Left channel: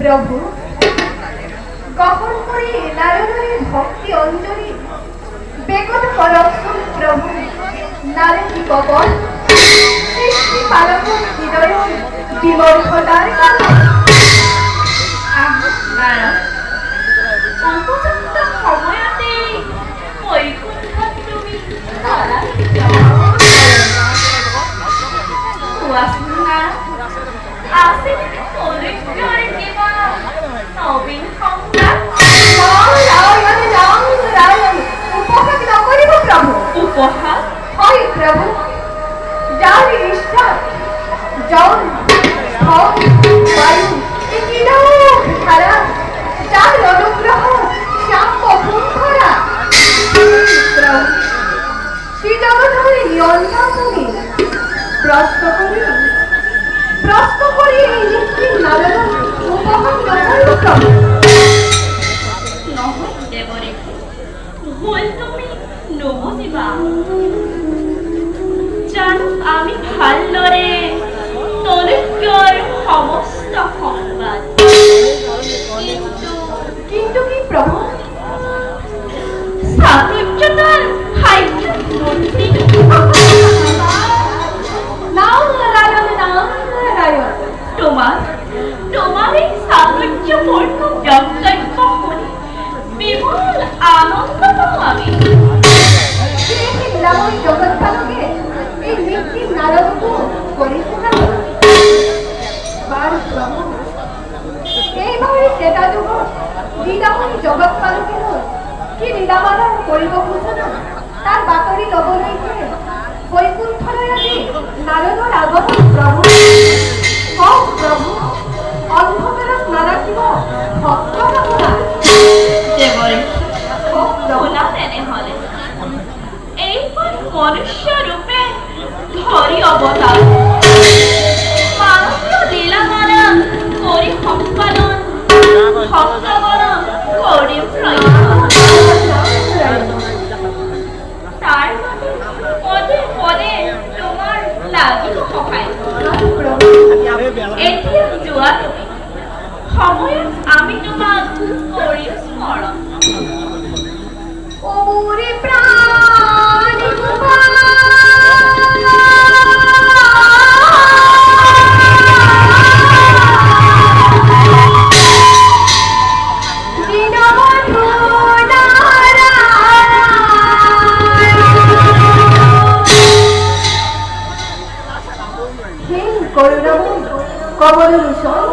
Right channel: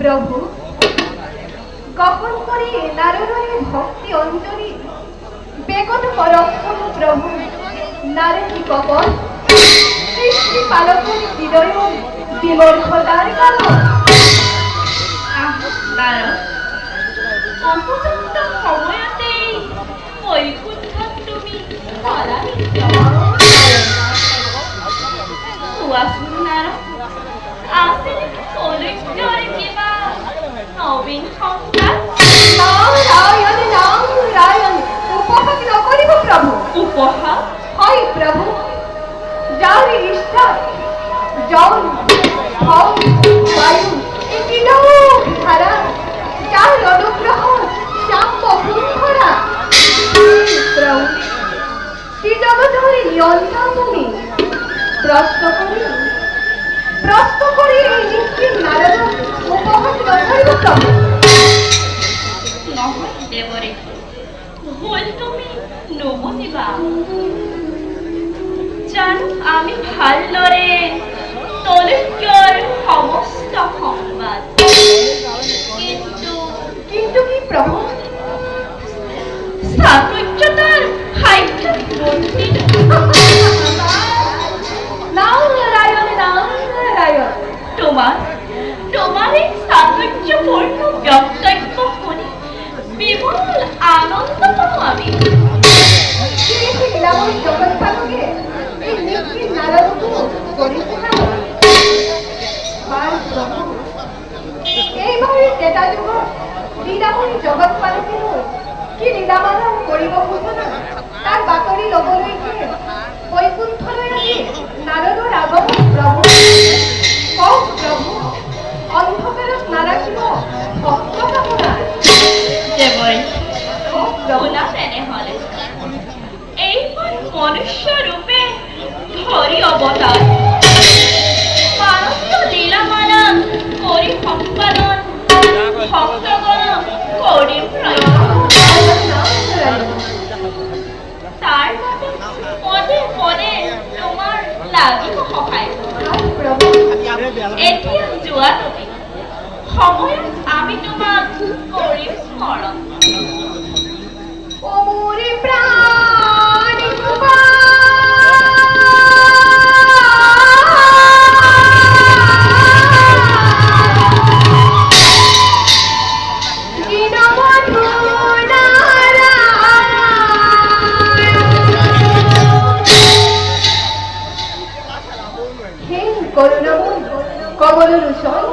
প্রভু কখন করে নারদরে ভক্তি অঞ্জলি বেগত পরক্ষম প্রভু নারী কবর সৃষ্টি পালকের হৃদয় বিমর্ষতার কারণ উপযুক্ত সময়তে বৈকুণ্ঠত তুমি কোৱাচোন না আছে নেকি কলৈকৰে কিবা নবীন সংবাদ? নারায়ণ নারায়ণ উপহাস নকৰিব প্ৰভু। উপহাস? হয় প্ৰভু, যাৰ ঈশ্বৰ জল স্থল বায়ু এই তিনিওক ধাৰা যাৰ অনুগ্ৰহ শ্যাম বসুন্ধৰা প্ৰভু শ্ৰী জগতৰ নিয়ন্তা তুমি প্রশ্ন করি এই নিশ্চিত নারদ উপহাস নকৰিব প্ৰভু। নহয় দেৱৰে, ভুল তুমি নুবুজিবা। জানো আমি ভালদৰে তলৈকৰ সমস্ত সংবাদ, কিন্তু কি প্ৰভু? চাতুৰ্যতাৰ সাহিত্য মন্দিৰ নারায়ণ নারায়ণ তোমার এই চাতুৰ্যপূৰ্ণ বক্তব্য শুনি বিপুল আনন্দ পাওঁ আমি। লীলাময় জগৎ পালকে এই নিশ্চিত নারদকো কৰিছে না বাৰু প্ৰভু। এইবাৰ ত্ৰেতা যুগৰ জগৎ পালকে লৈ কি লীলামানৰ কৰিব খোজনা তাৰ বাতৰি ল'বলৈকে বৈকুণ্ঠলৈ আজি নাৰদৰ আগমন প্ৰভু কওক প্ৰভু অন্ধকাৰত নাৰাখিব ভক্ত আপোনাৰ দেৱৰী কওক প্ৰভু শুনা তেনেহলে এইখন মনুষ্য ৰূপে ধৰি অৱতাৰ মানৱ লীলামালা কৰি সম্পাদন ভক্তগণক কৰিম তাৰ বাবে পদে পদে তোমাৰ লাগিব সহায় এতিয়া যোৱা তুমি সময়ত আমি তোমাক কৰিম স্মৰণ ও মোরে প্রাণ করুণাময় কমল রূষণ